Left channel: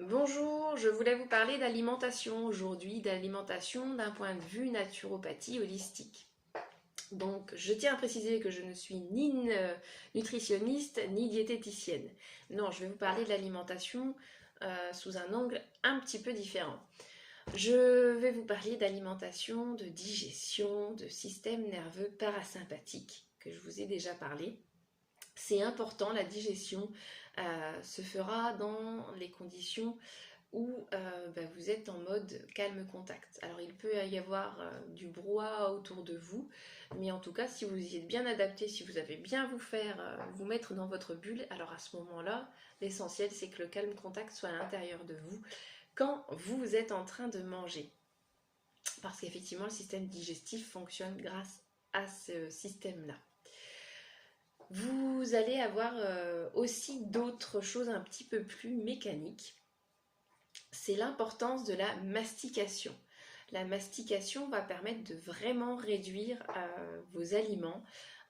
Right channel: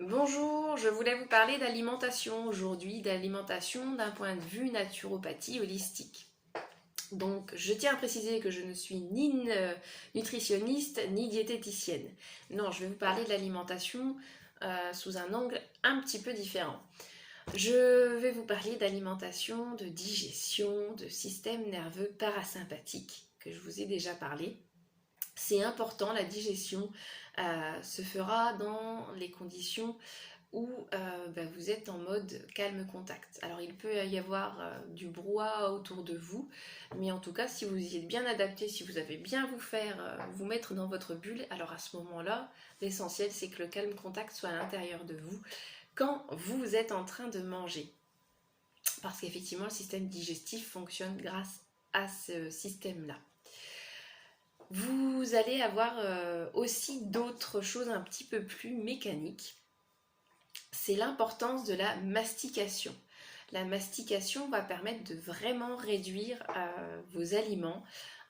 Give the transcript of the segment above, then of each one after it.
Bonjour, je voulais vous parler d'alimentation aujourd'hui, d'alimentation d'un point de vue naturopathie holistique. Donc, je tiens à préciser que je ne suis ni nutritionniste ni diététicienne. Non, je vais vous parler de l'alimentation sous un angle un petit peu différent. Je vais vous parler d'alimentation, de digestion, de système nerveux parasympathique, que je vous ai déjà parlé. C'est important, la digestion se fera dans les conditions où vous êtes en mode calme contact. Alors il peut y avoir du brouhaha autour de vous, mais en tout cas si vous y êtes bien adapté, si vous avez bien vous mettre dans votre bulle, alors à ce moment-là, l'essentiel c'est que le calme contact soit à l'intérieur de vous quand vous êtes en train de manger. Parce qu'effectivement le système digestif fonctionne grâce à ce système-là. Vous allez avoir aussi d'autres choses un petit peu plus mécaniques. C'est l'importance de la mastication. La mastication va permettre de vraiment réduire vos aliments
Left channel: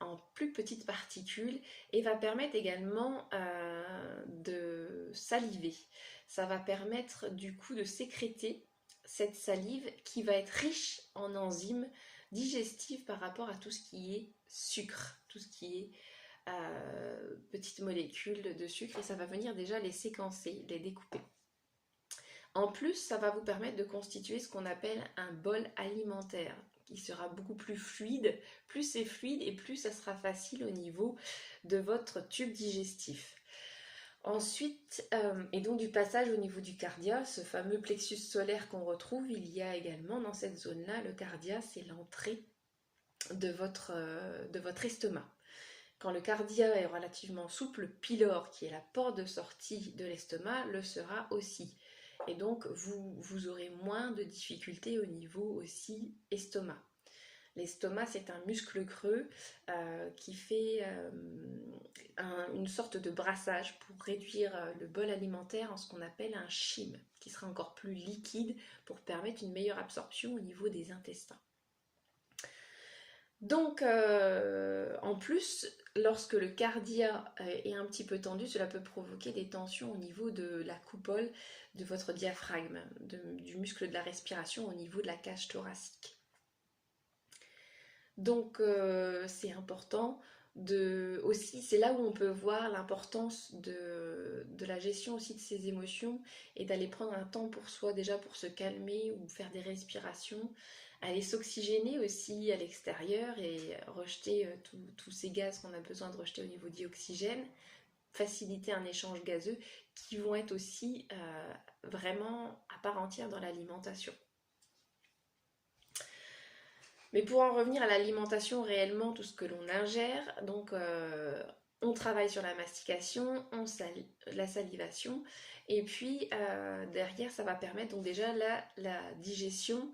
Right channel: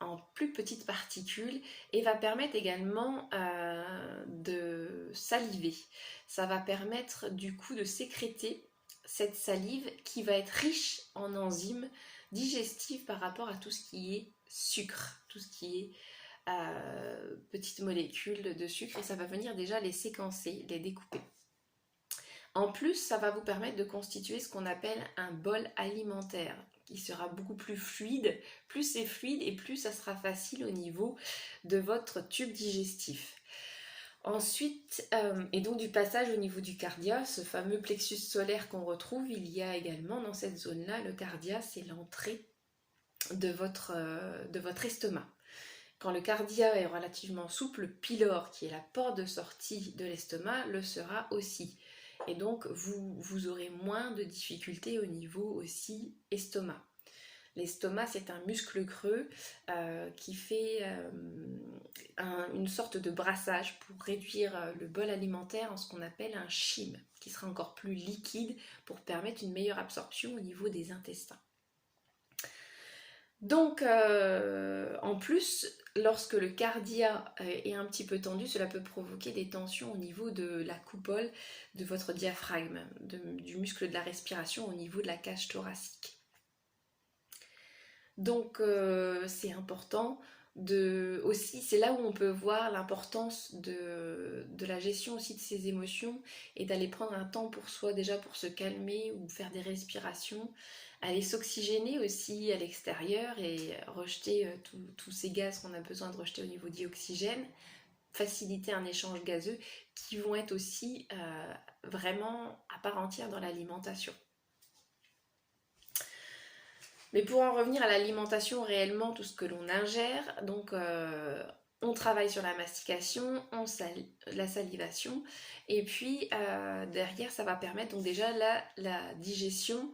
en plus petites particules et va permettre également de saliver. Ça va permettre du coup de sécréter cette salive qui va être riche en enzymes digestives par rapport à tout ce qui est sucre, tout ce qui est petites molécules de sucre, et ça va venir déjà les séquencer, les découper. En plus, ça va vous permettre de constituer ce qu'on appelle un bol alimentaire qui sera beaucoup plus fluide. Plus c'est fluide et plus ça sera facile au niveau de votre tube digestif. Ensuite, et donc du passage au niveau du cardia, ce fameux plexus solaire qu'on retrouve, il y a également dans cette zone-là, le cardia, c'est l'entrée de votre estomac. Quand le cardia est relativement souple, le pylore, qui est la porte de sortie de l'estomac, le sera aussi. Et donc, vous aurez moins de difficultés au niveau aussi estomac. L'estomac, c'est un muscle creux qui fait une sorte de brassage pour réduire le bol alimentaire en ce qu'on appelle un chyme, qui sera encore plus liquide pour permettre une meilleure absorption au niveau des intestins. Donc, en plus, lorsque le cardia est un petit peu tendu, cela peut provoquer des tensions au niveau de la coupole de votre diaphragme, du muscle de la respiration au niveau de la cage thoracique. Donc, c'est important aussi, c'est là où on peut voir l'importance de la gestion aussi de ses émotions et d'aller prendre un temps pour soi, déjà pour se calmer ou faire des respirations, aller s'oxygéner aussi à l'extérieur et rejeter tous ces gaz qu'on a besoin de rejeter au niveau d'oxygène, faciliter un échange gazeux qui vont être aussi vraiment à part entière dans l'alimentation. Mais pour en revenir à l'alimentation réellement, tout ce que l'on ingère, donc on travaille sur la mastication, la salivation, et puis derrière ça va permettre donc déjà la digestion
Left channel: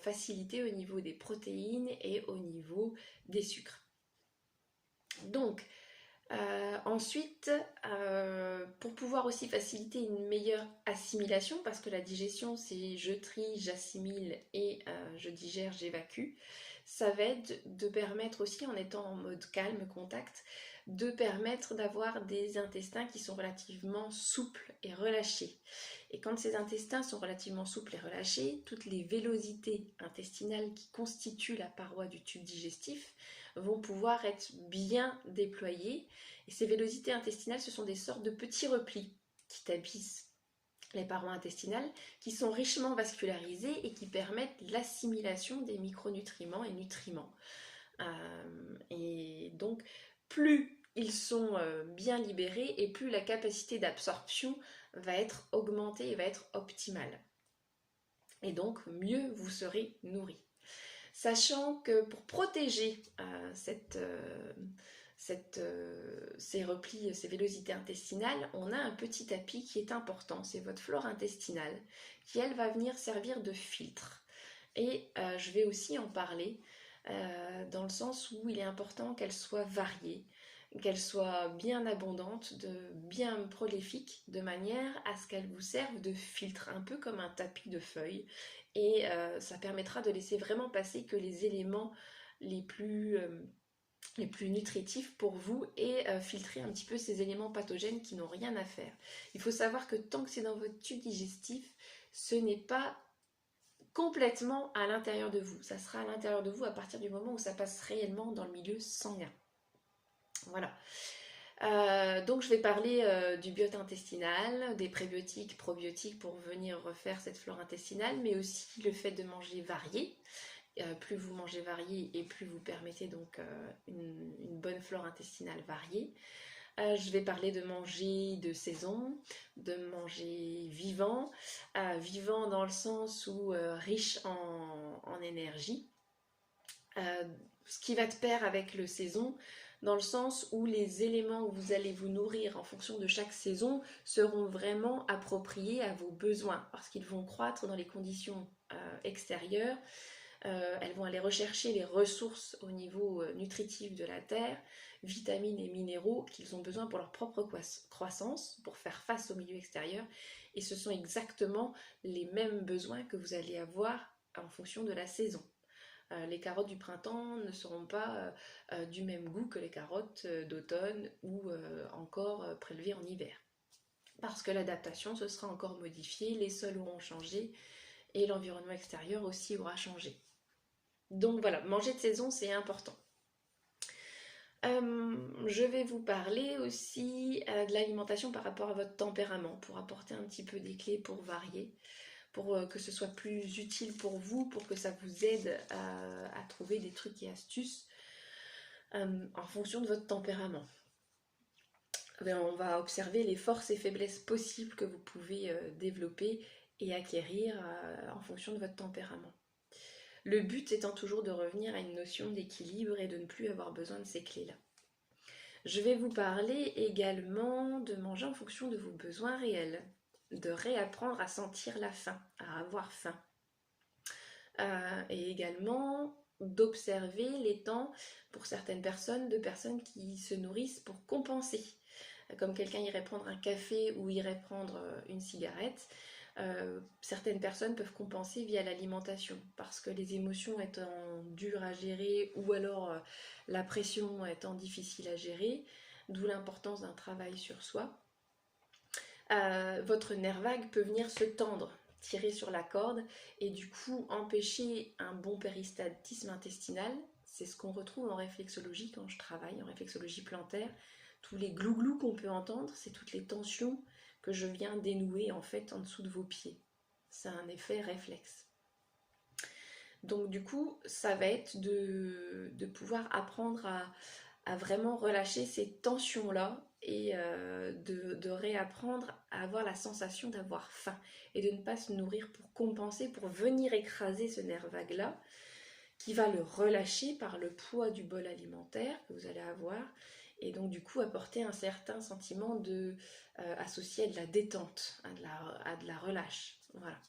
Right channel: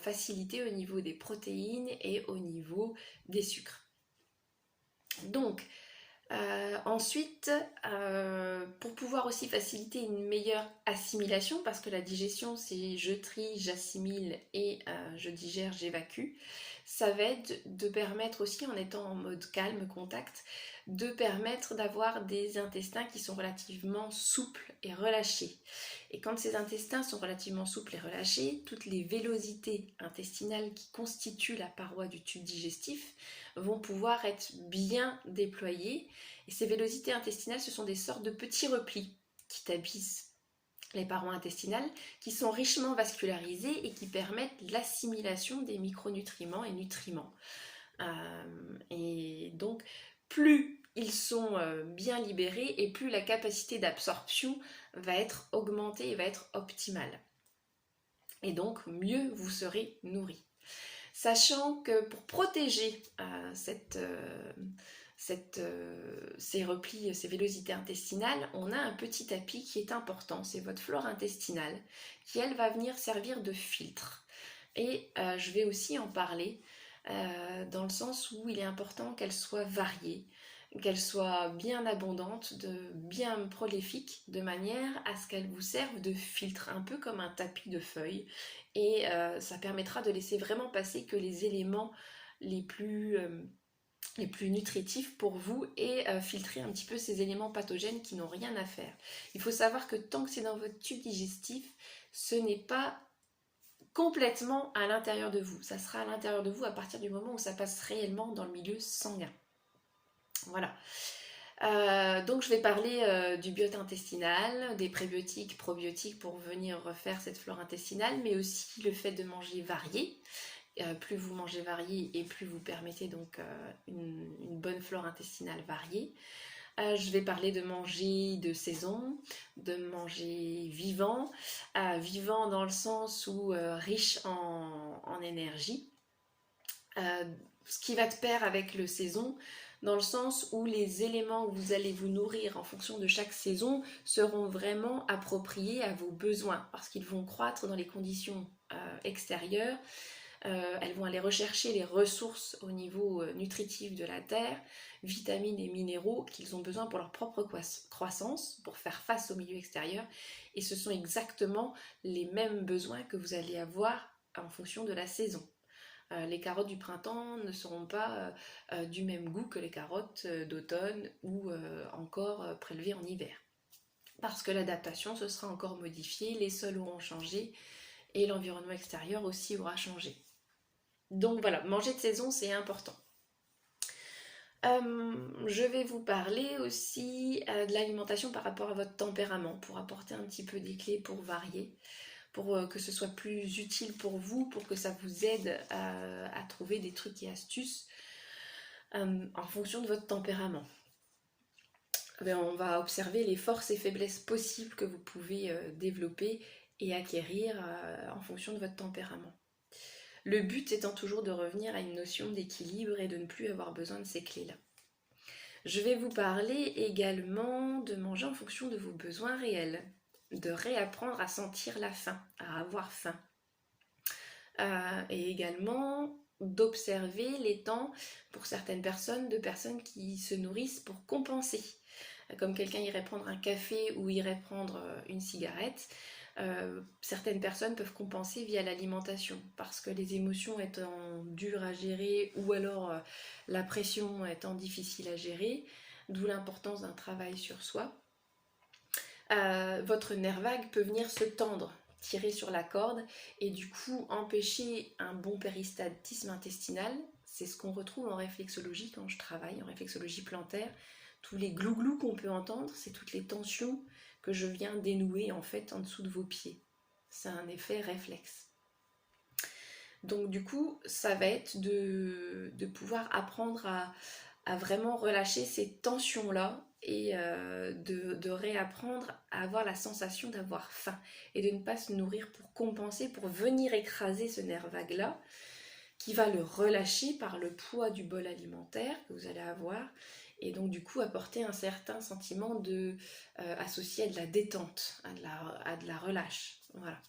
facilitée au niveau des protéines et au niveau des sucres. Donc ensuite, pour pouvoir aussi faciliter une meilleure assimilation, parce que la digestion c'est je trie, j'assimile et je digère, j'évacue, ça va être de permettre aussi, en étant en mode calme, contact, de permettre d'avoir des intestins qui sont relativement souples et relâchés. Et quand ces intestins sont relativement souples et relâchés, toutes les vélosités intestinales qui constituent la paroi du tube digestif vont pouvoir être bien déployées. Et ces vélosités intestinales, ce sont des sortes de petits replis qui tapissent les parois intestinales, qui sont richement vascularisés et qui permettent l'assimilation des micronutriments et nutriments. Et donc, plus ils sont bien libérés et plus la capacité d'absorption va être augmentée et va être optimale. Et donc, mieux vous serez nourri. Sachant que pour protéger ces replis, ces vélosités intestinales, on a un petit tapis qui est important, c'est votre flore intestinale, qui elle va venir servir de filtre. Et je vais aussi en parler dans le sens où il est important qu'elle soit variée, qu'elle soit bien abondante, bien prolifique, de manière à ce qu'elle vous serve de filtre, un peu comme un tapis de feuilles. Et ça permettra de laisser vraiment passer que les éléments les plus les plus nutritifs pour vous et filtrer un petit peu ces éléments pathogènes qui n'ont rien à faire. Il faut savoir que tant que c'est dans votre tube digestif, ce n'est pas complètement à l'intérieur de vous. Ça sera à l'intérieur de vous à partir du moment où ça passe réellement dans le milieu sanguin. Voilà. Donc je vais parler du biote intestinal, des prébiotiques, probiotiques pour venir refaire cette flore intestinale, mais aussi le fait de manger varié. Plus vous mangez varié et plus vous permettez donc une bonne flore intestinale variée. Je vais parler de manger de saison, de manger vivant, vivant dans le sens où riche en énergie. Ce qui va de pair avec le saison, dans le sens où les éléments que vous allez vous nourrir en fonction de chaque saison seront vraiment appropriés à vos besoins, parce qu'ils vont croître dans les conditions extérieures. Elles vont aller rechercher les ressources au niveau nutritif de la terre, vitamines et minéraux qu'ils ont besoin pour leur propre croissance, pour faire face au milieu extérieur. Et ce sont exactement les mêmes besoins que vous allez avoir en fonction de la saison. Les carottes du printemps ne seront pas du même goût que les carottes d'automne ou encore prélevées en hiver. Parce que l'adaptation se sera encore modifiée, les sols auront changé et l'environnement extérieur aussi aura changé. Donc voilà, manger de saison, c'est important. Je vais vous parler aussi de l'alimentation par rapport à votre tempérament, pour apporter un petit peu des clés pour varier, pour que ce soit plus utile pour vous, pour que ça vous aide à trouver des trucs et astuces en fonction de votre tempérament. On va observer les forces et faiblesses possibles que vous pouvez développer et acquérir en fonction de votre tempérament. Le but étant toujours de revenir à une notion d'équilibre et de ne plus avoir besoin de ces clés-là. Je vais vous parler également de manger en fonction de vos besoins réels, de réapprendre à sentir la faim, à avoir faim. Et également d'observer les temps pour certaines personnes, de personnes qui se nourrissent pour compenser. Comme quelqu'un irait prendre un café ou irait prendre une cigarette. Certaines personnes peuvent compenser via l'alimentation parce que les émotions étant dures à gérer ou alors la pression étant difficile à gérer, d'où l'importance d'un travail sur soi. Votre nerf vague peut venir se tendre, tirer sur la corde et du coup empêcher un bon péristaltisme intestinal. C'est ce qu'on retrouve en réflexologie quand je travaille, en réflexologie plantaire. Tous les glouglous qu'on peut entendre, c'est toutes les tensions que je viens dénouer en fait en dessous de vos pieds. C'est un effet réflexe. Donc du coup, ça va être de pouvoir apprendre à vraiment relâcher ces tensions-là et de réapprendre à avoir la sensation d'avoir faim et de ne pas se nourrir pour compenser, pour venir écraser ce nerf vague-là qui va le relâcher par le poids du bol alimentaire que vous allez avoir et donc du coup apporter un certain sentiment associé à de la détente, à de la relâche. Voilà.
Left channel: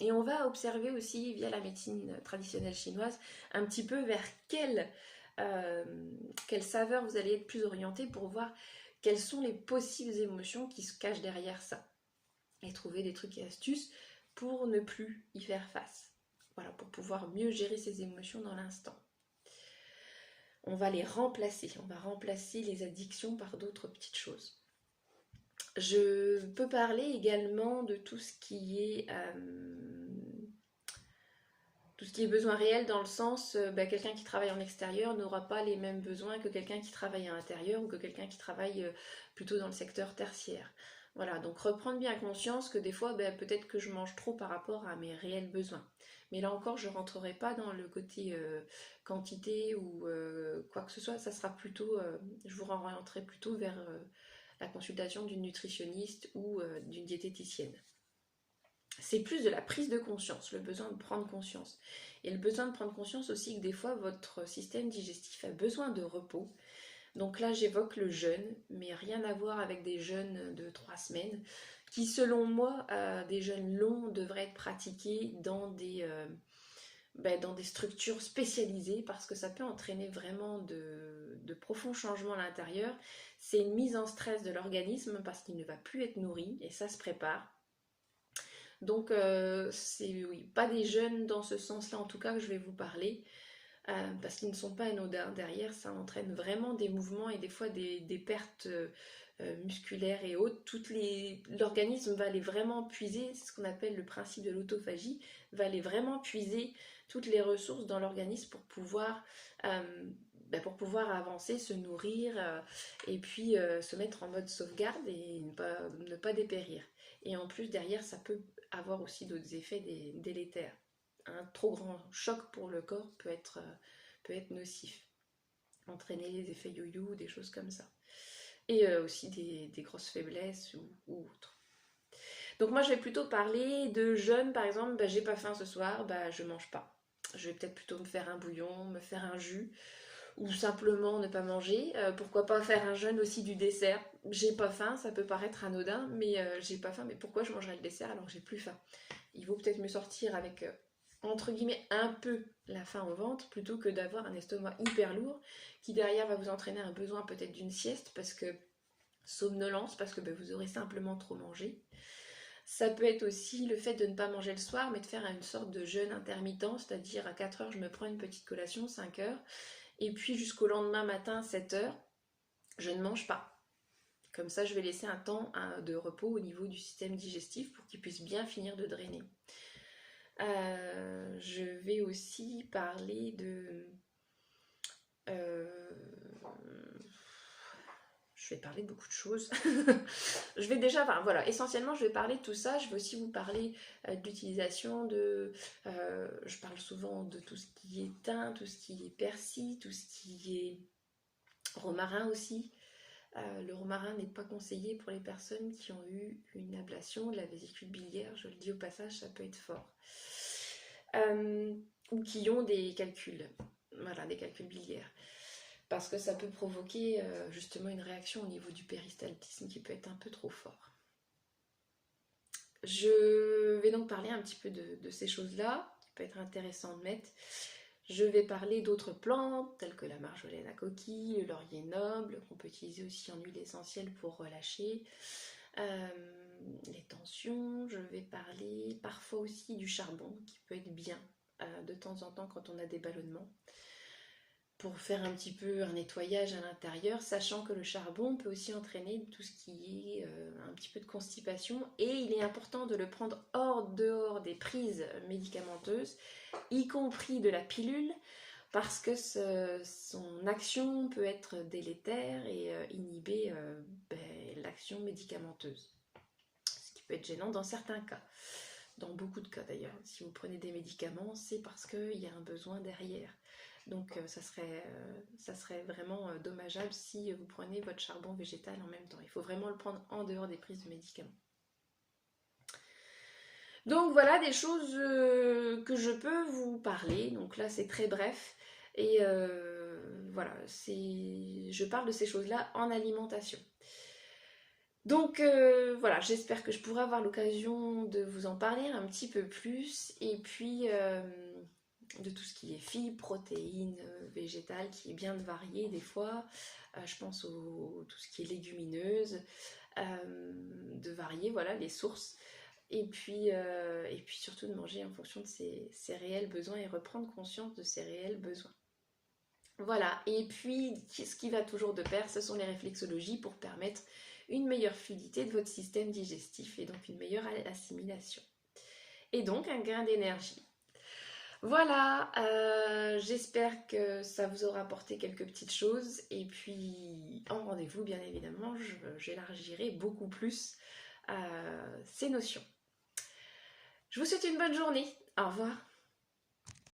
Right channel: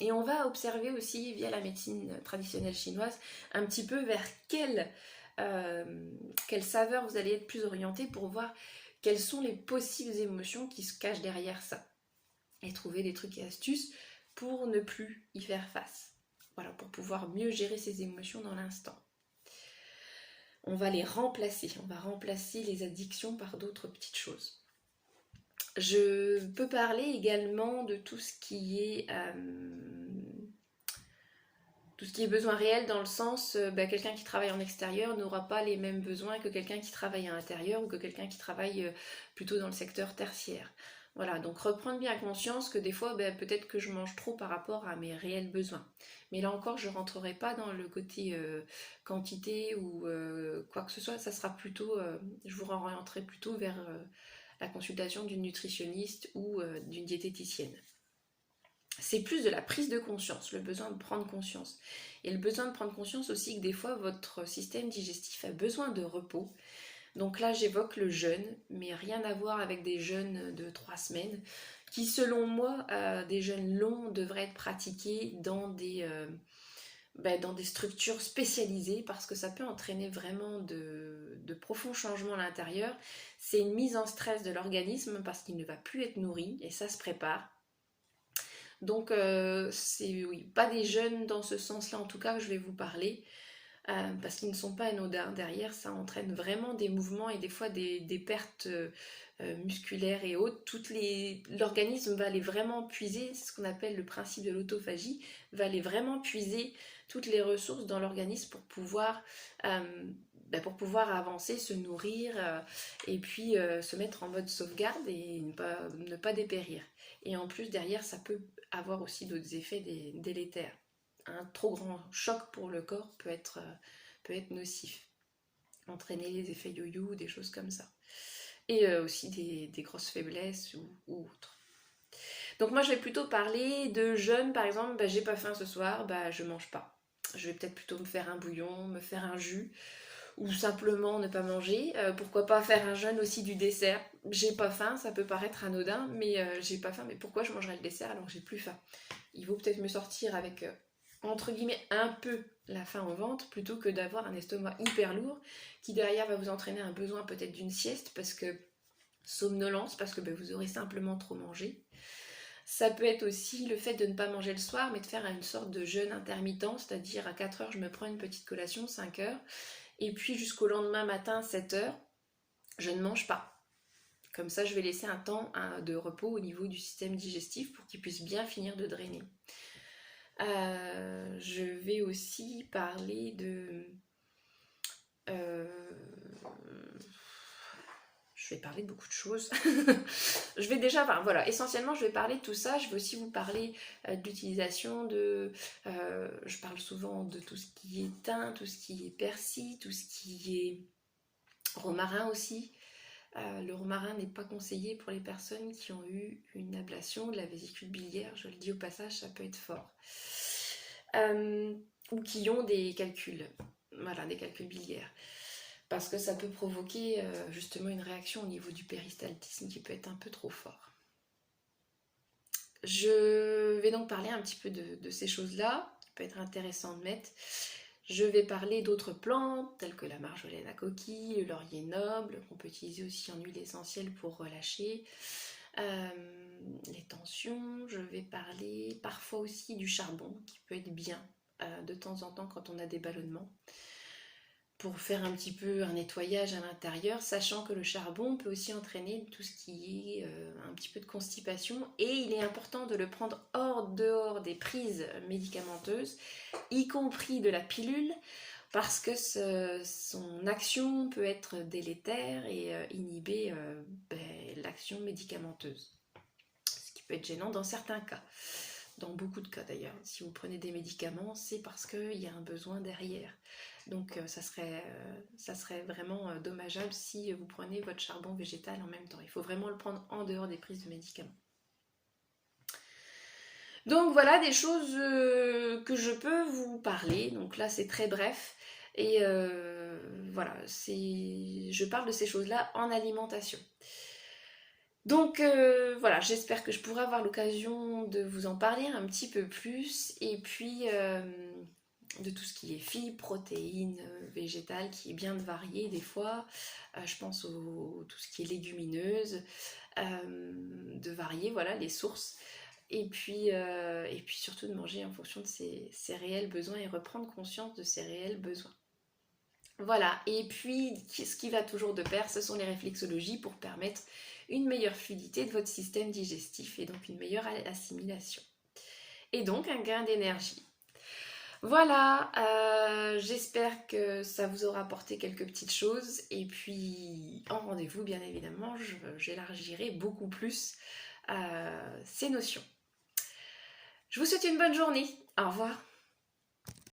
Et on va observer aussi via la médecine traditionnelle chinoise un petit peu vers quelle saveur vous allez être plus orienté pour voir quelles sont les possibles émotions qui se cachent derrière ça et trouver des trucs et astuces pour ne plus y faire face. Voilà, pour pouvoir mieux gérer ses émotions dans l'instant. On va les remplacer, on va remplacer les addictions par d'autres petites choses. Je peux parler également de tout ce qui est besoin réel dans le sens, quelqu'un qui travaille en extérieur n'aura pas les mêmes besoins que quelqu'un qui travaille à l'intérieur ou que quelqu'un qui travaille plutôt dans le secteur tertiaire. Voilà, donc reprendre bien conscience que des fois, peut-être que je mange trop par rapport à mes réels besoins. Mais là encore, je ne rentrerai pas dans le côté quantité ou quoi que ce soit. Ça sera plutôt, je vous orienterai plutôt vers la consultation d'une nutritionniste ou d'une diététicienne. C'est plus de la prise de conscience, le besoin de prendre conscience. Et le besoin de prendre conscience aussi que des fois, votre système digestif a besoin de repos. Donc là, j'évoque le jeûne, mais rien à voir avec des jeûnes de 3 semaines, qui selon moi, des jeûnes longs devraient être pratiqués dans des structures spécialisées, parce que ça peut entraîner vraiment de profonds changements à l'intérieur. C'est une mise en stress de l'organisme, parce qu'il ne va plus être nourri, et ça se prépare. Donc, c'est pas des jeûnes dans ce sens-là, en tout cas, que je vais vous parler. parce qu'ils ne sont pas anodins. Derrière, ça entraîne vraiment des mouvements et des fois des pertes musculaires et autres. L'organisme va aller vraiment puiser, c'est ce qu'on appelle le principe de l'autophagie, va aller vraiment puiser toutes les ressources dans l'organisme pour pouvoir avancer, se nourrir et puis se mettre en mode sauvegarde et ne pas dépérir. Et en plus, derrière, ça peut avoir aussi d'autres effets délétères. Un trop grand choc pour le corps peut être nocif, entraîner les effets yo-yo, des choses comme ça. Et aussi des grosses faiblesses ou autres. Donc moi je vais plutôt parler de jeûne, par exemple, j'ai pas faim ce soir, je mange pas. Je vais peut-être plutôt me faire un bouillon, me faire un jus, ou simplement ne pas manger. Pourquoi pas faire un jeûne aussi du dessert. J'ai pas faim, ça peut paraître anodin, mais j'ai pas faim, mais pourquoi je mangerais le dessert alors que j'ai plus faim? Il vaut peut-être me sortir avec entre guillemets un peu la faim au ventre plutôt que d'avoir un estomac hyper lourd qui derrière va vous entraîner un besoin peut-être d'une sieste parce que somnolence, parce que vous aurez simplement trop mangé. Ça peut être aussi le fait de ne pas manger le soir mais de faire une sorte de jeûne intermittent, c'est-à-dire à 4 heures je me prends une petite collation, 5 heures, et puis jusqu'au lendemain matin 7 heures je ne mange pas. Comme ça je vais laisser un temps de repos au niveau du système digestif pour qu'il puisse bien finir de drainer. Je vais aussi parler de... je vais parler de beaucoup de choses. Je vais déjà... voilà, essentiellement, je vais parler de tout ça. Je vais aussi vous parler de l'utilisation de... je parle souvent de tout ce qui est thym, tout ce qui est persil, tout ce qui est romarin aussi. Le romarin n'est pas conseillé pour les personnes qui ont eu une ablation de la vésicule biliaire. Je le dis au passage, ça peut être fort. Ou qui ont des calculs, voilà, des calculs biliaires. Parce que ça peut provoquer justement une réaction au niveau du péristaltisme qui peut être un peu trop fort. Je vais donc parler un petit peu de ces choses-là, qui peut être intéressant de mettre. Je vais parler d'autres plantes, telles que la marjolaine à coquille, le laurier noble, qu'on peut utiliser aussi en huile essentielle pour relâcher les tensions. Je vais parler parfois aussi du charbon, qui peut être bien de temps en temps quand on a des ballonnements, pour faire un petit peu un nettoyage à l'intérieur, sachant que le charbon peut aussi entraîner tout ce qui est un petit peu de constipation, et il est important de le prendre dehors des prises médicamenteuses, y compris de la pilule, parce que son action peut être délétère et inhiber l'action médicamenteuse, ce qui peut être gênant dans certains cas. Dans beaucoup de cas d'ailleurs, si vous prenez des médicaments, c'est parce qu'il y a un besoin derrière. Donc ça serait vraiment dommageable si vous prenez votre charbon végétal en même temps. Il faut vraiment le prendre en dehors des prises de médicaments. Donc voilà des choses que je peux vous parler. Donc là c'est très bref. Et voilà, je parle de ces choses-là en alimentation. Donc voilà, j'espère que je pourrai avoir l'occasion de vous en parler un petit peu plus. Et puis de tout ce qui est fibres, protéines, végétales, qui est bien varié des fois. Je pense tout ce qui est légumineuse, de varier, voilà, les sources. Et puis surtout de manger en fonction de ses réels besoins et reprendre conscience de ses réels besoins. Voilà, et puis ce qui va toujours de pair, ce sont les réflexologies pour permettre une meilleure fluidité de votre système digestif et donc une meilleure assimilation. Et donc un gain d'énergie. Voilà, j'espère que ça vous aura apporté quelques petites choses. Et puis en rendez-vous, bien évidemment, j'élargirai beaucoup plus ces notions. Je vous souhaite une bonne journée. Au revoir.